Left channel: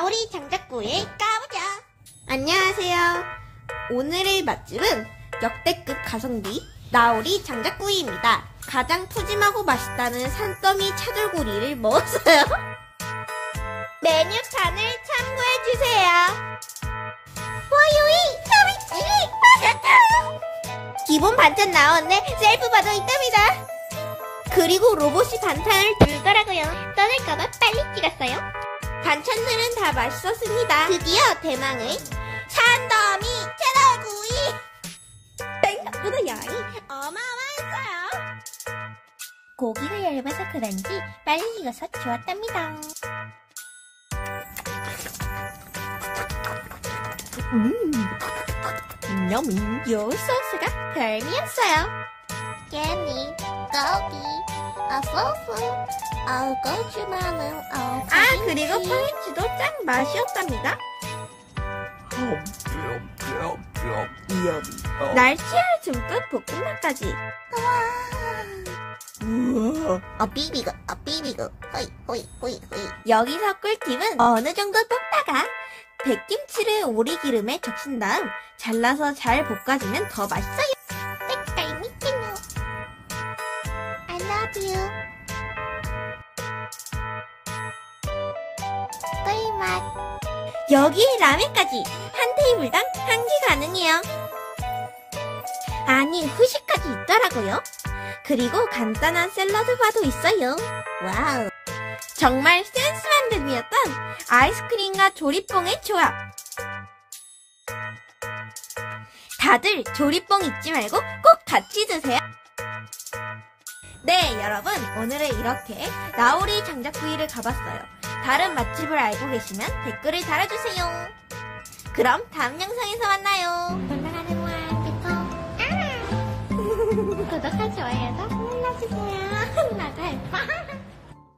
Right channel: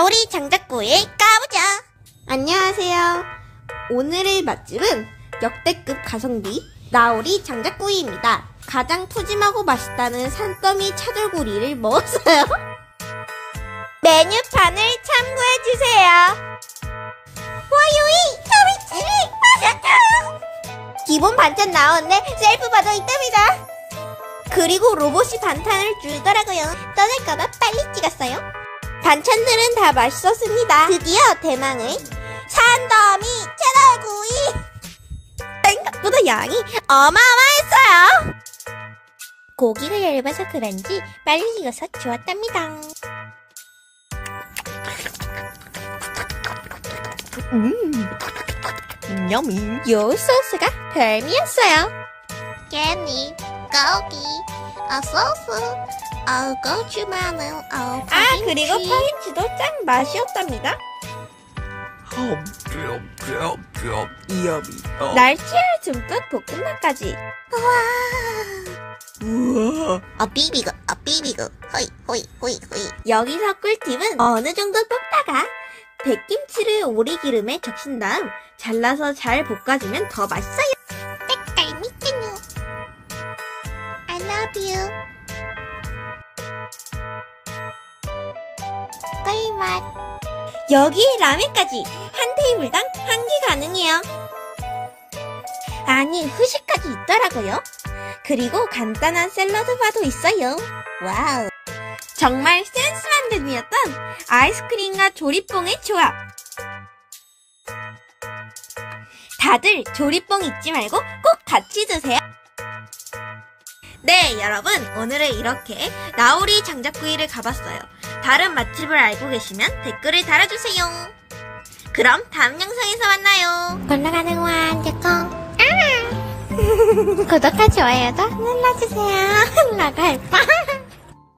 나우리 장작구이 까보자. 안녕하세요. 오늘의 맛집은 역대급 가성비 나우리 장작구이입니다. 가장 푸짐하고 맛있다는 산더미 차돌구이를 먹었어요. 메뉴판을 참고해주세요. 와요이 기본 반찬 나왔네. 셀프 봐도 있답니다. 그리고 로봇이 반찬을 들더라고요. 떠날까봐 빨리 찍었어요. 반찬들은 다 맛있었습니다. 드디어 대망의 산더미 차돌구이. 생각보다 양이 어마어마했어요. 고기가 얇아서 그런지 빨리 익어서 좋았답니다. 여미. 요 소스가 별미였어요. 깨니, 고기, 소스, 고추 마늘, 그리고 파김치도 짱 맛이었답니다. 날치알 듬뿍 볶음밥까지. 우와. 비비고, 호이. 여기서 꿀팁은 어느 정도 볶다가 백김치를 오리기름에 적신 다음 잘라서 잘 볶아주면 더 맛있어요. 색깔 미치노. I love you. 꿀맛. 여기에 라면까지 한 테이블당 1개 가능해요. 아니, 후식까지 있더라고요. 그리고 간단한 샐러드 바도 있어요. 와우. 정말 센스 만듦이었던 아이스크림과 조리뽕의 조합. 다들 조리뽕 잊지 말고 꼭 같이 드세요. 네, 여러분, 오늘은 이렇게 나우리 장작구이를 가봤어요. 다른 맛집을 알고 계시면 댓글을 달아주세요. 그럼 다음 영상에서 만나요. 올라가는 완제콩. 구독과 좋아요도 눌러주세요. 나갈 빠.